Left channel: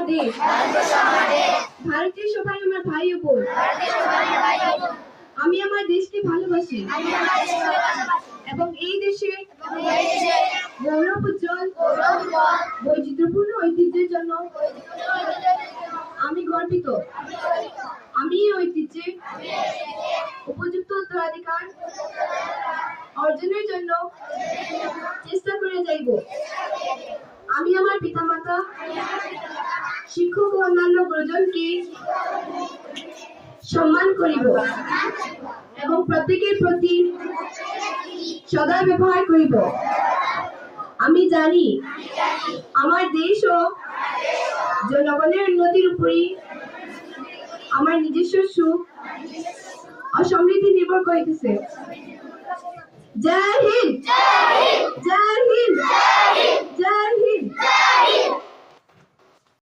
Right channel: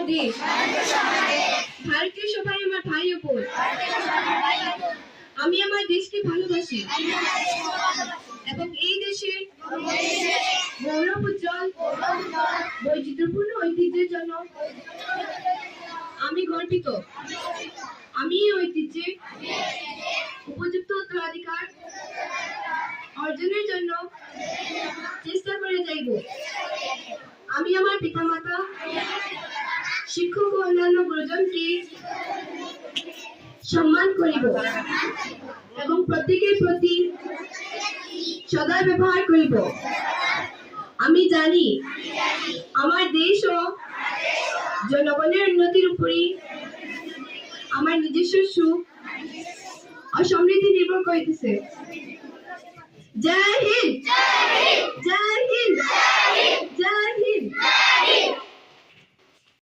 আমার দেশ, ভারতীয় সবাই আমার ভাই ও বোন। আমি আমার দেশকে ভালোবাসি এবং এই দেশের গৌরব উজ্জ্বল বৈচিত্র্যপূর্ণ ঐতিহ্যের জন্য আমি গর্বিত। আমি এই ঐতিহ্যের উপযুক্ত উত্তরাধিকার অর্জনের জন্য চেষ্টা করে যাইব। আমি আমার পিতামাতা, শিক্ষক ও অন্যান্য গুরুজনকে সম্মান করিব এবং প্রত্যেকের প্রতি সদয় ব্যবহার করিব। আমি জানি আমার দেশ ও জনগণের উন্নতির উপরই আমার নিজস্ব সুখ ও সমৃদ্ধি নির্ভর করিতেছে। জয় হিন্দ, জয় হিন্দ, জয় হিন্দ।